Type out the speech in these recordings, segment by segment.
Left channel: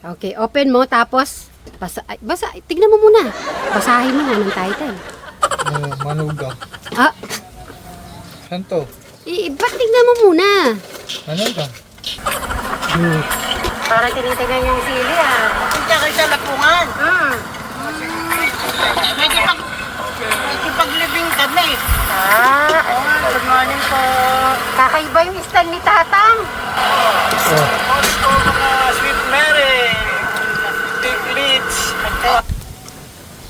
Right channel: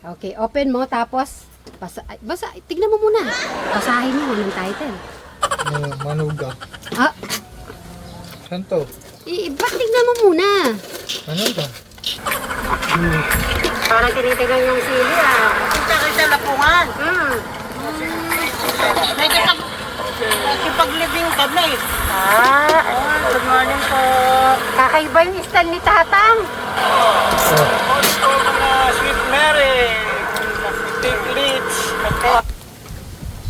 Okay, open mo tapos basa, tignan mo muna. Basahin mo anong title. Manuga. Ah, Saan to? ba't tignan mo muna? Manuga. Parang tinitingnan yung sili ah. Diyan sa lapungan. Medyo paglibing kami. Good morning po. Kakaiba yung stand ni Tatang. Gusto mga Sweet Mary. Big Leeds.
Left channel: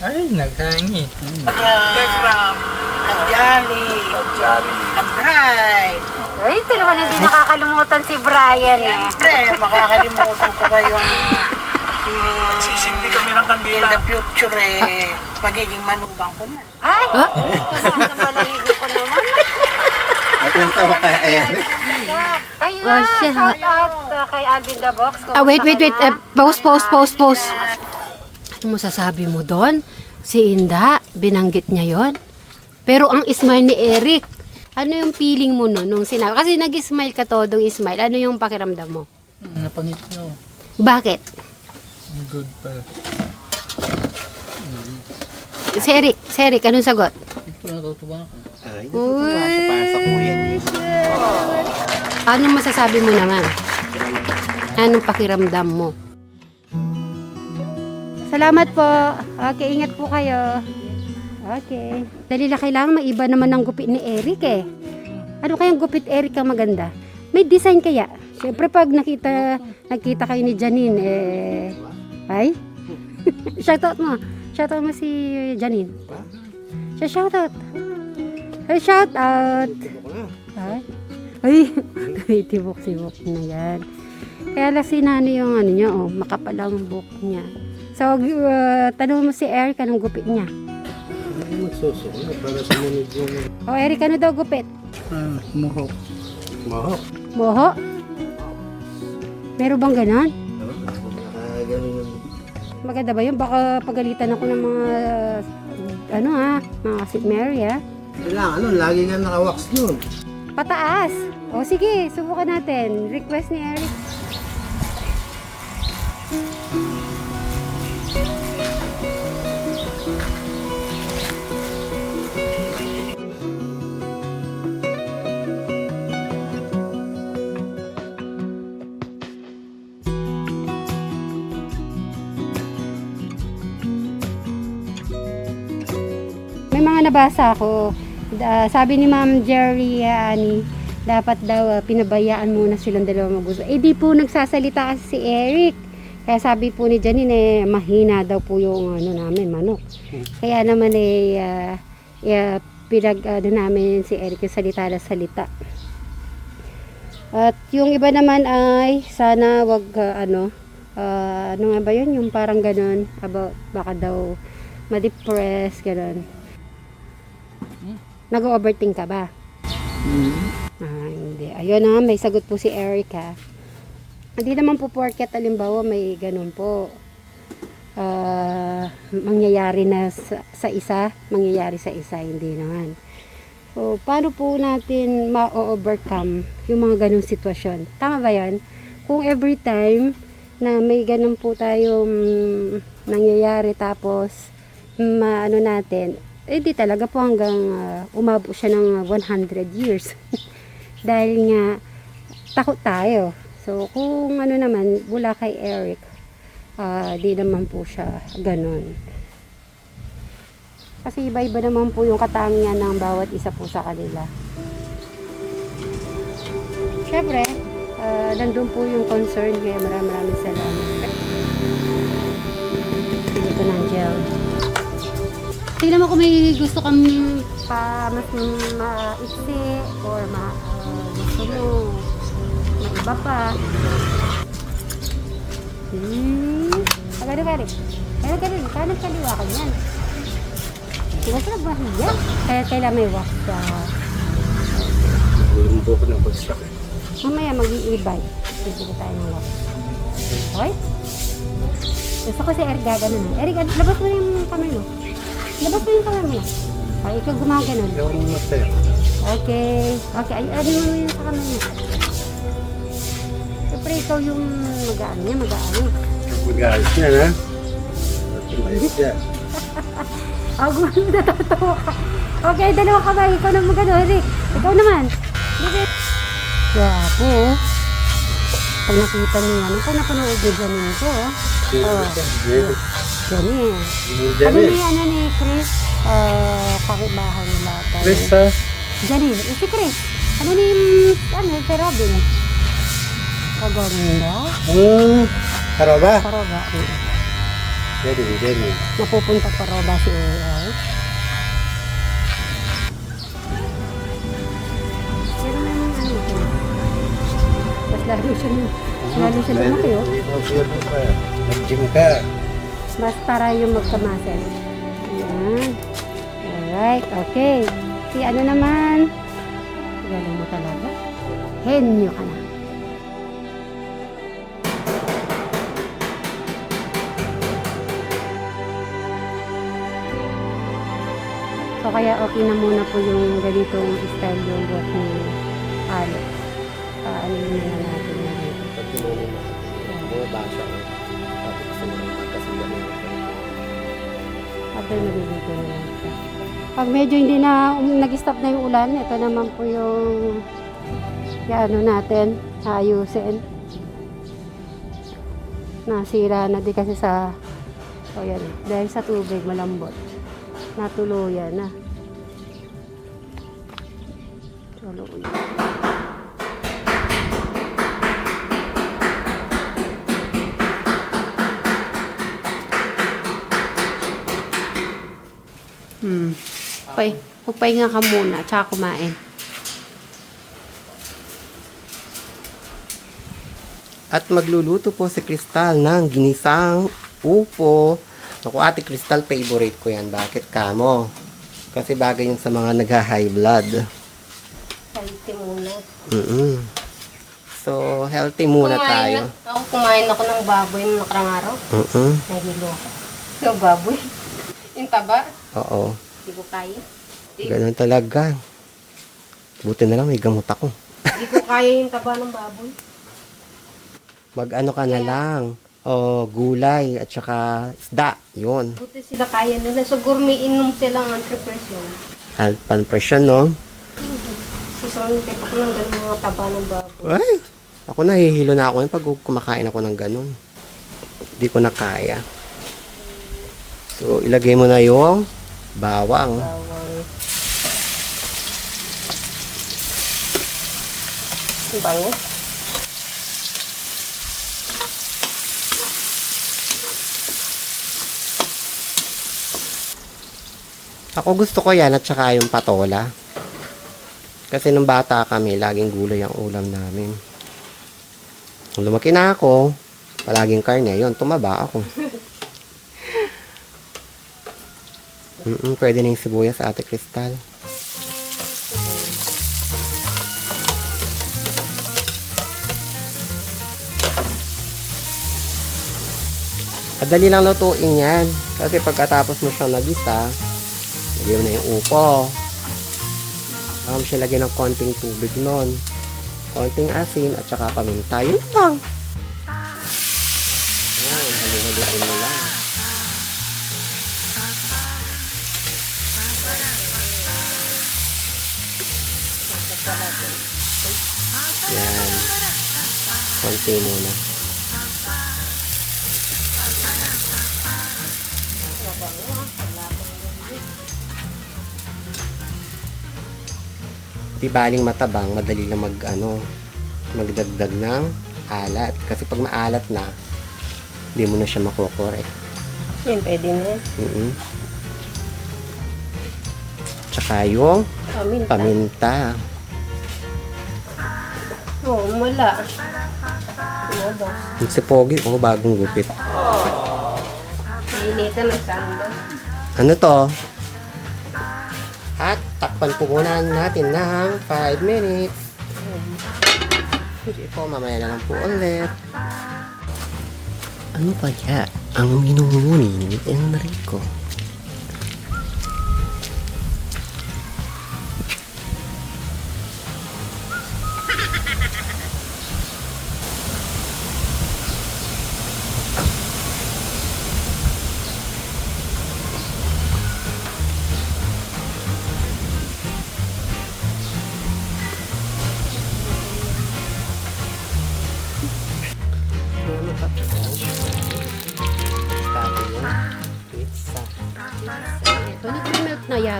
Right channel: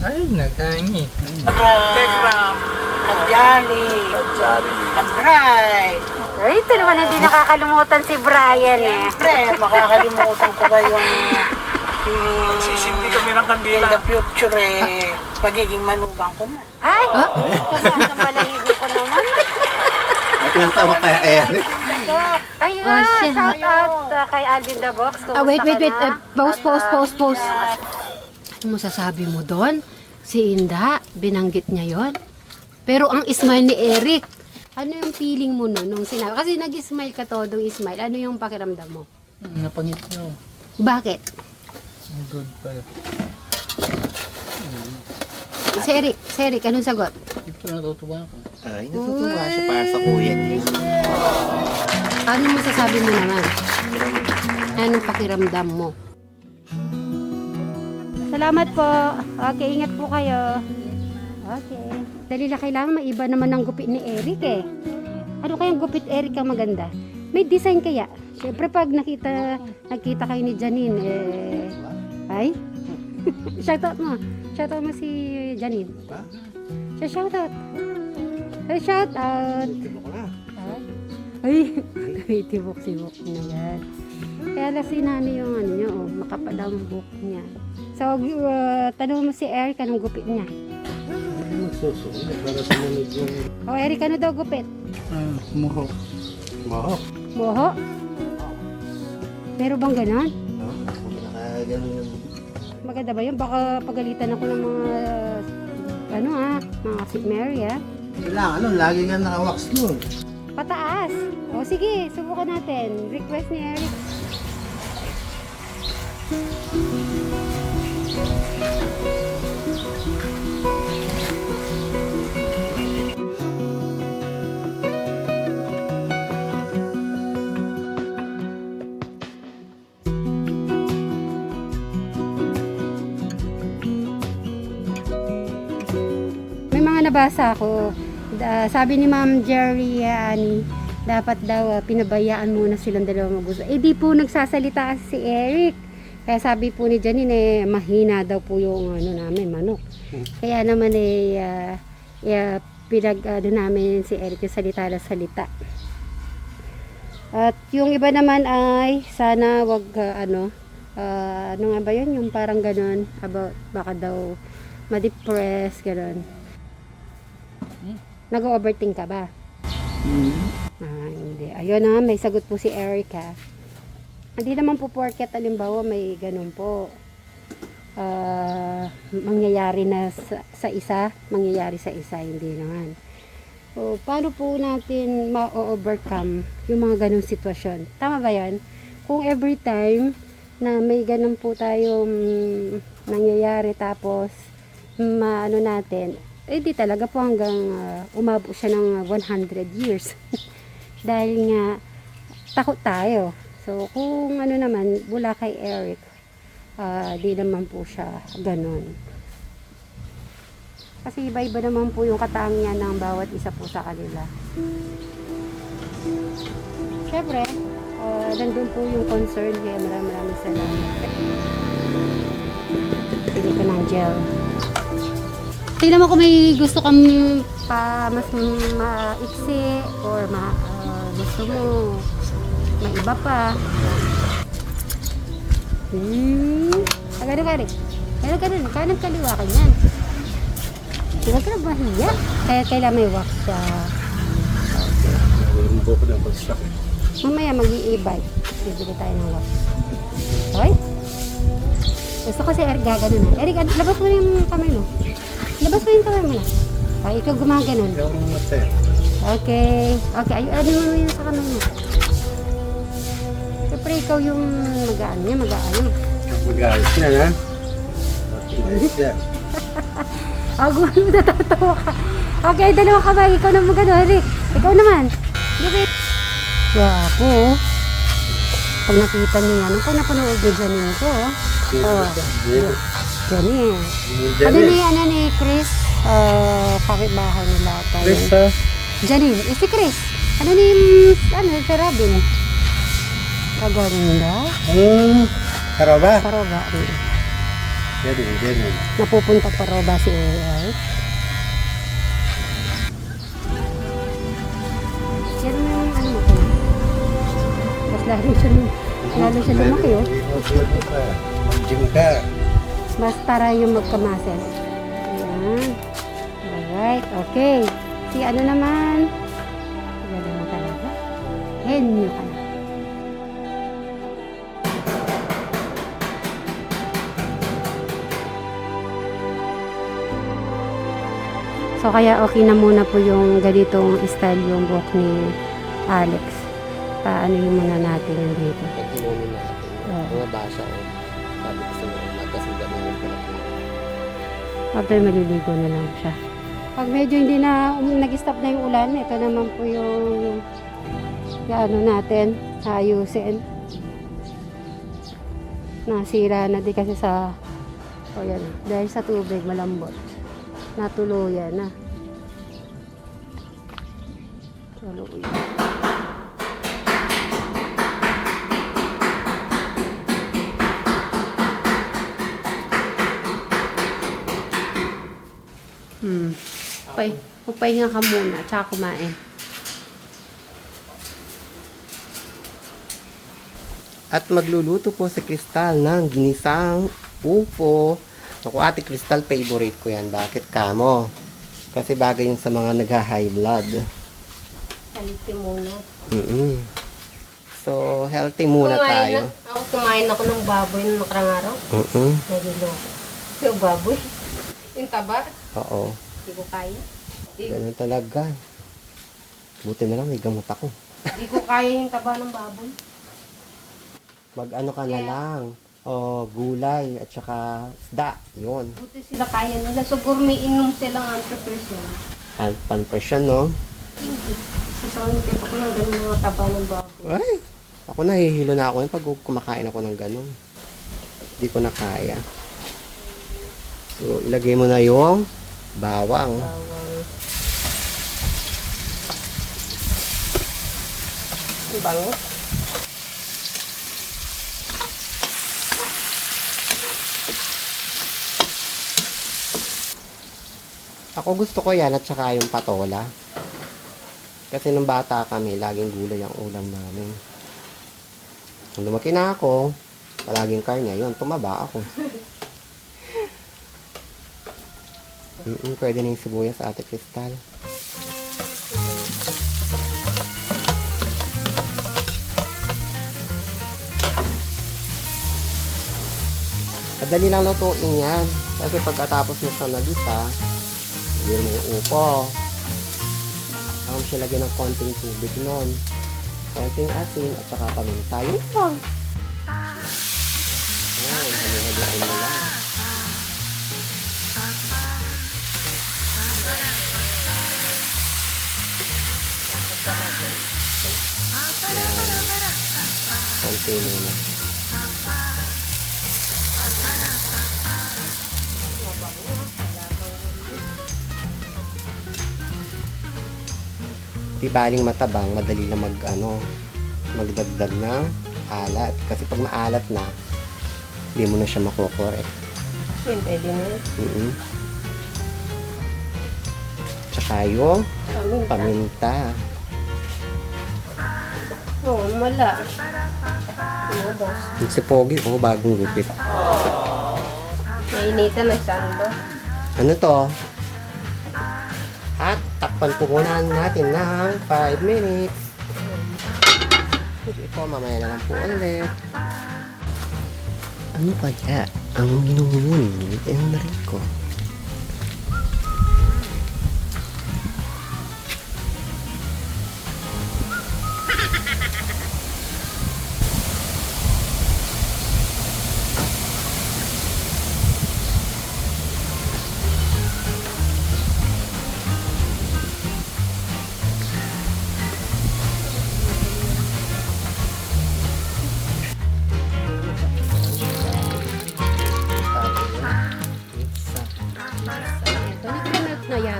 Ay, nagkaingi. Tegram. Kadyali. Kabray. Ay, ito naman hindi nakakalimutan si Brian eh. Siyempre, makakalimutan ko ba yung sisindi kami ng kandila. In the future pagiging manugang ko na. Ay, kasama balahibo ko naman. Ang tawa kaya ayan. Ayun, Oh, shit. shout out kay Alvin the Box. Wait. Pause. Ano masasabi mo doon? Si Inda, binanggit niya yon. Pero ang smile ni Eric, ano yung feeling mo nun nung sinabi? Kasi nag-smile ka to, dong smile. Ano yung pakiramdam mo? Napangit nyo. Bakit? Good pala. Si Eric, anong sagot? Hindi ko natutuwa ako. Ay, natutuwa siya para sa kuya niya. Ano masasabi mo naman? Anong pakiramdam mo? Salamat po. Okay, ingat po kayo. Okay. Dali lang kailangan maiba naman ang gupit ni Eric eh. Ano kayang gupit Eric ang maganda? May design kaya? Siyempre pag nakita kayo ni Janine ay? Shoutout mo. Shoutout mo si Janine. Shoutout. Hey, shoutout. Ay, tibok-tibok na yan. Kaya lang sinani yung ano niya, makapal ang buhok niya. So, tanong mo si Eric, anong gupit niya? Magsusunod para sumunod yung Eric, ano daw gupit? Muhok. mahok. Moho? Meron bang ganon? Ganun yung Maganda ba yun? Baka pagalitan ako ng mga, mga Sweet Mary kailangan lagi nga naka-wax nun. Pataas. O sige, subukan natin. Request ni Eric. May mga nabasa ako. Sabi ni Ma'am Jerry dapat daw pinabayaan muna silang dalawa mag-usap. Di po nagsasalita kasi si Eric. Kaya sabi po ni Janine mahina daw po yung namin manok. Kaya naman namin si Eric yung salita na salita. At yung iba naman ay sana wag ano nga ba yun? Yung parang ganun about baka daw ma-depress ganun. Nag-overthink ka ba? Hindi. Ayun may sagot po si Erica. Hindi naman po porket alimbawa may ganun po. Mangyayari na sa isa, hindi naman. So, paano po natin ma-overcome yung mga ganung sitwasyon? Tama ba yan? Kung every time na may ganun po tayong nangyayari tapos natin, di talaga po hanggang umabot siya ng 100 years. Dahil nga, takot tayo. So, kung naman, mula kay Eric, di naman po siya ganun. Kasi iba-iba naman po yung katangian ng bawat isa po sa kanila. Siyempre, nandun po yung concern. Kaya maraming salamat. Pili ko ng gel. Tingnan mo kung may gusto kang mas maiksi or gusto mo may iba pa. Pagano ka rin? Huwag ka rin. Kanan kaliwa ka yan. Huwag ka na mahiya. Kailan may wax ka. Walang buko ng bagsak. Mamaya mag-iibay. Bibili tayo ng wax. Right? Gusto ko si Eric gaganon. Eric, labas mo yung kamay mo. Labas mo yung kamay mo na. Ay, ikaw gumaganon. Ikaw ang masaya. Okay. Ay, ano yung sa kamay mo? Siyempre, ikaw yung mag-aano. Mag-ayos yan, ha? Mag-ayos yan. Ako natatawa ka. Okay, dalawa kamay. Ikaw naman gano'n. Ikaw naman. Dikit. Wapo. Pag nakita mo yan, pag napanood mo dyan ko. Oh. Ganun. Ano ni Chris? Pakibahay nila. Chris, ha? Janine. Si Chris. Ano ni, si Robin? Kaganda. Karoba? Karoba. Ganun. Napupunta Karoba si AI. Mas lalo siya lumaki, oh. Mag-gym ka. Mas para yung magkamasal. Ayan. Alright, okay. Si ano naman? Galing mo talaga. Henyo ka na. So kaya okay na muna po yung ganitong style yung buhok ni Alex. Ano yung muna natin yung dito. Pagkinunin natin. Bumabasa o. Sabi ko sa mga kasi gano'n ko na. After maliligo na lang siya. Pag medyo hindi na nag-stop na yung ulan, ito naman po yung ano natin, ayusin. Nasira na di kasi sa yan, dahil sa tubig malambot. Natuluyan na. Tuluyan. Okay, magpahinga ka muna, tsaka kumain. At magluluto po si Crystal ng ginisang upo. Naku, Ate Crystal, favorite ko yan. Bakit kamo? Kasi bagay yun sa mga nagha-high blood. Healthy muna. So, healthy muna tayo. Kumain ako ng baboy nung nakarang araw. Nagilo. Yung baboy? Yung taba? Oo. Hindi ko kaya. Ganun talaga. Buti na lang may gamot ako. Hindi ko kaya yung taba ng baboy. Mag-ano ka na lang. O, gulay at saka isda. Yun. Buti sila kaya nila. So, gourmet inom silang entrepreneur. At panpresyon, no? Sasawang tipo ko ng ganun mga taba ng baboy. Ay! Ako nahihilo na ako pag kumakain ako ng ganun. Hindi ko na kaya. So, ilagay mo na yung bawang. Ang bango. Ako gusto ko yan at saka yung patola. Kasi nung bata kami, laging gulay ang ulam namin. Nung lumaki na ako, palaging karne. Yun, tumaba ako. Pwede na yung sibuyas sa Ate Crystal. Madali lang lutuin yan. Kasi pagkatapos mo siyang nagisa, yun na yung upo. Saka siya lagyan ng konting tubig nun. Konting asin at saka paminta. Yun lang. Ayan, hali-haliin mo lang. Ayan. Konti muna. Di baling matabang, madali na magdagdag ng alat. Kasi pag maalat na, hindi mo na siya makukorek. Yan, pwede na yan. Tsaka yung Paminta. paminta. Oo, wala. Ano ba? Yung si Pogi, bagong gupit. Nainitan ng sando. Ano to? At takpan po muna natin ng 5 minutes. Hindi po, mamaya na lang po ulit. Ano kaya ang minumuni ni Enrico?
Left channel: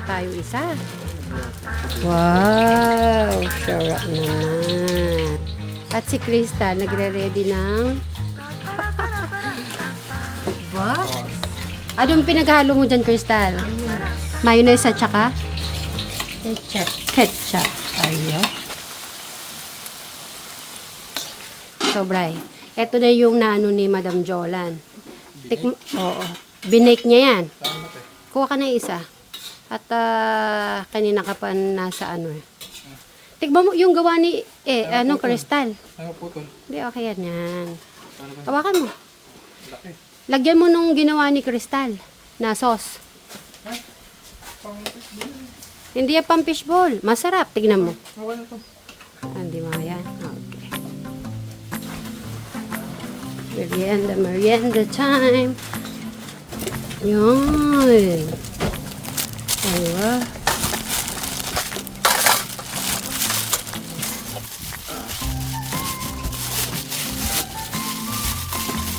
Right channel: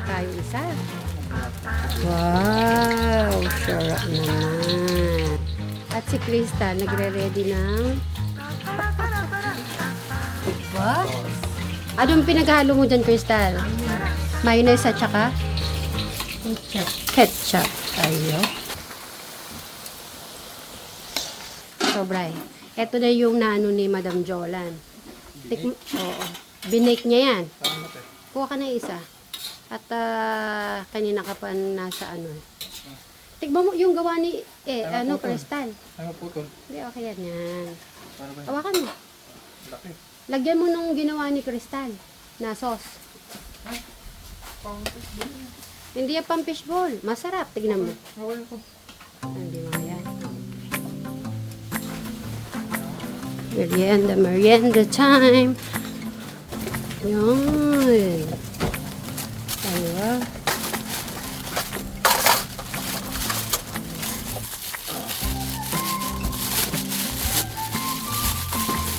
tayo isa. Wow! Sarap naman. At si Crystal, nagre-ready ng... Ba? Anong pinaghalo mo dyan, Crystal? Mayonnaise at saka? Ketchup. Ayo. So, Bray, eto na yung naano ni Madam Jolan. Oo. Binake niya yan. Kuha ka na isa. At kanina ka pa nasa ano eh. Tikman mo yung gawa ni Crystal. Ano po tol? Hindi, okay yan. Hawakan mo. Lagyan mo nung ginawa ni Crystal na sauce. Hindi yan pang fishball. Masarap. Tignan mo. Hindi mo yan. Okay. Merienda time. Yun. Ayan.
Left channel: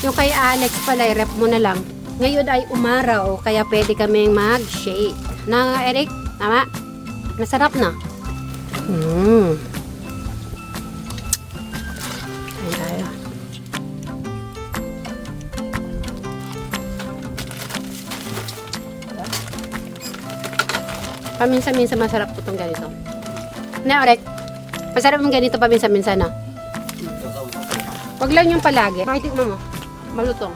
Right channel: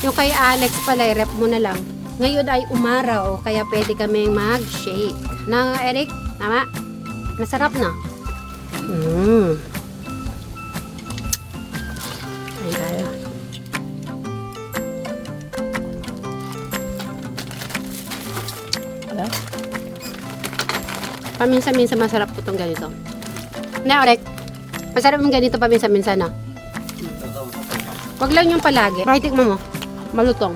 Yung kay Alex pala, rep mo na lang. Ngayon ay umaraw, kaya pwede kaming mag-shake. Na, Eric? Tama? Masarap na. Ayan tayo. Paminsan-minsan masarap po itong ganito. Na, Eric? Masarap yung ganito paminsan-minsan na. Wag lang yung palagi. Right, mo mo. Malutong.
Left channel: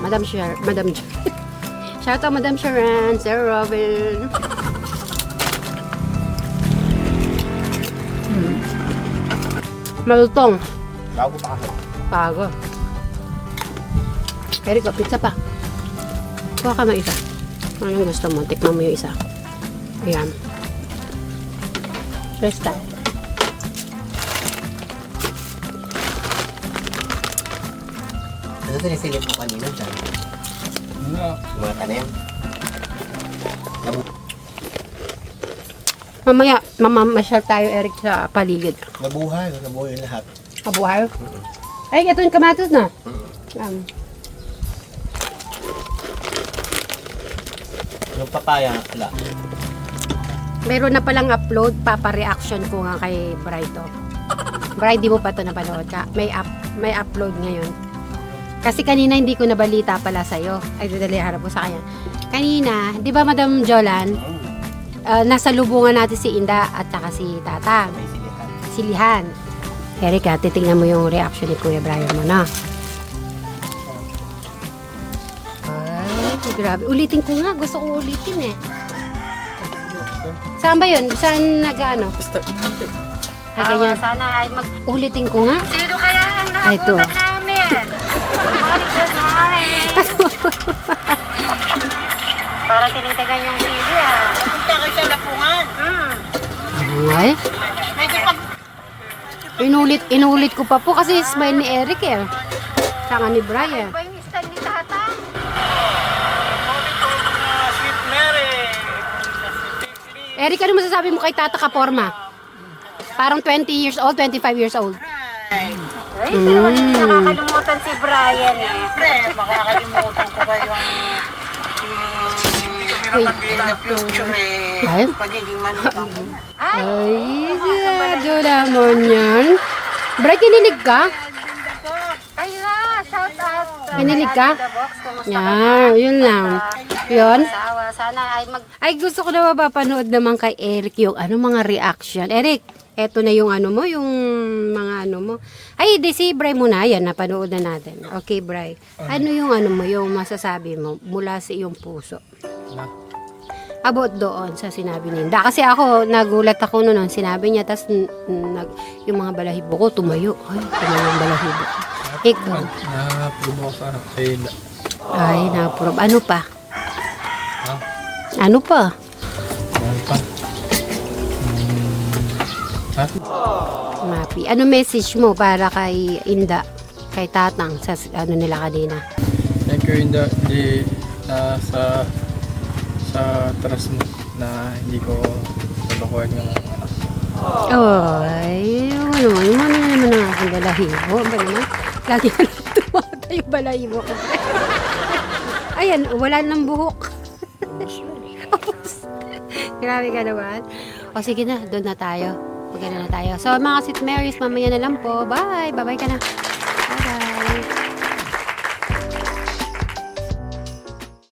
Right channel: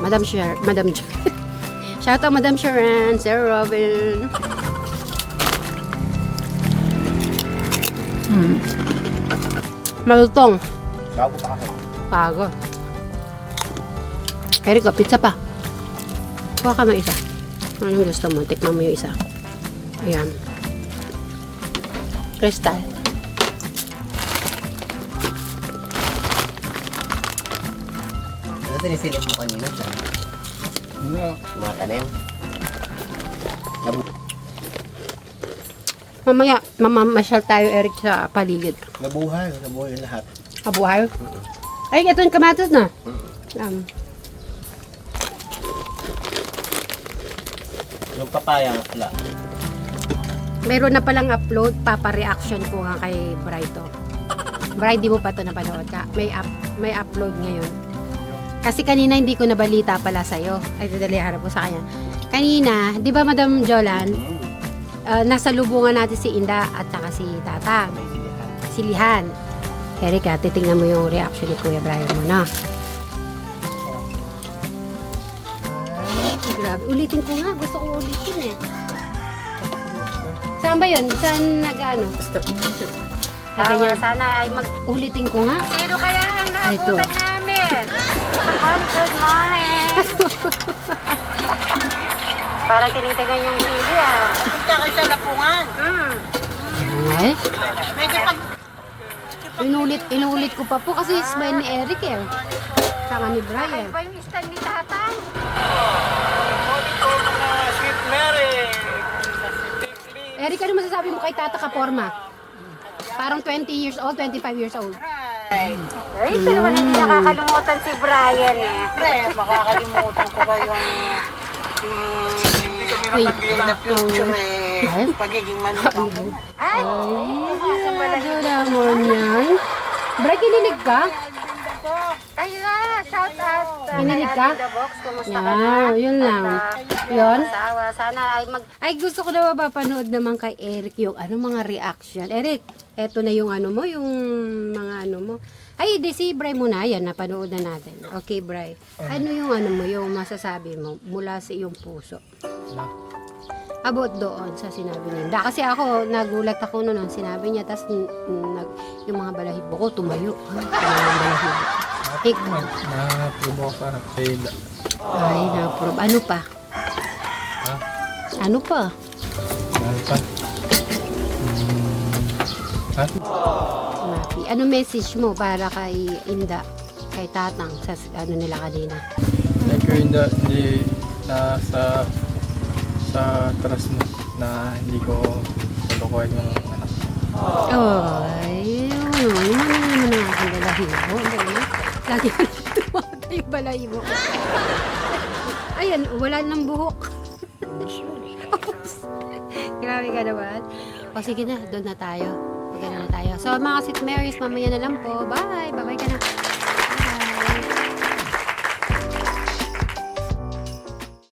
Madam shout out Madam Sharon, Sir Robin. Malutong. Bago pa kasi. Bago. Eric, pizza pa. Kuha ka ng isa. Anong gusto mo? Tikman mo yung isa. Ayan. Crystal. Ano sinisilip mo kanina dyan? Ano? Mga tanim? Mamaya, mamamasyal tayo, Eric, sa paligid. Nabuhay yung lahat. Kabuhay? Ay, ito yung kamatis na. Yung papaya, wala. Meron na palang upload, papa-reaction ko nga kay Bri to. Bri, di mo pa ito napanood ka? May upload ngayon. Kasi kanina hindi ko nabalita pala sa'yo. Ay, dali, harap ko sa kanya. Kanina, di ba Madam Jolan, nasa lubungan natin si Inda at saka si Tatang. May silihan. Silihan. Erika, titingnan mo yung reaction ni Kuya Brian mo na. Ay, grabe. Ulitin ko nga. Gusto kong ulitin eh. Saan ba yun? Saan nag-ano? Kaya sana ay mag-ulitin ko nga. Sino kaya ang Ito. naabutan namin? Good morning. Parang tinitigan yung TV ah. Punta kayo sa lapungan. Ay, Medyo pag inulit ko pa po kasi smile ni Eric eh. Saka ni Brian. ba yung stand ni Tatang? Sweet Mary! Eric, ano masasabi mo kay Tata Kaporma? Parang 20 years old, 25 years old. Ay, pero wala hindi nakakalimutan si Brian eh. Pre, makakalimutan ko ba yung in the future eh. Ay. Pagiging manukang ko. Ay, medyo lamon yan. Bray, kinilig ka? Ay na, shout out. Kinilig ka? Kumusta Yan, yun lang. Yun? Asawa, sana ay Ay, gusto ko na mapapanood naman kay Eric yung mga reaction. Eric, eto na yung mo, yung mga mo. Ay, di si Bray muna, yan, napanood na natin. Okay, Bray. Ano yung mo, yung masasabi mo mula sa iyong puso? About doon sa sinabi ni Inda. Kasi ako, nagulat ako noon sinabi niya, tas yung mga balahibo ko tumayo. Ay, tumayo yung balahibo ko. Ikaw. Na-probo ko sa kaila. Ay, na-probe. Ano pa? Ha? Ano pa? Ano pa? Mapi. Ano message mo para kay Inda, kay Tatang, sa nila kanina? Thank you, Inda. Hindi sa trust mo na hindi ko tulukuhan yung anak ko. Ay, yun naman ang aking balahibo. Lagi ka tumakot yung balahibo ko. Ayan, wala nang buhok. Grabe ka naman. O sige na, doon na tayo. Sige na tayo. So mga Sweet Marys, mamaya na lang po. Bye! Bye-bye ka na.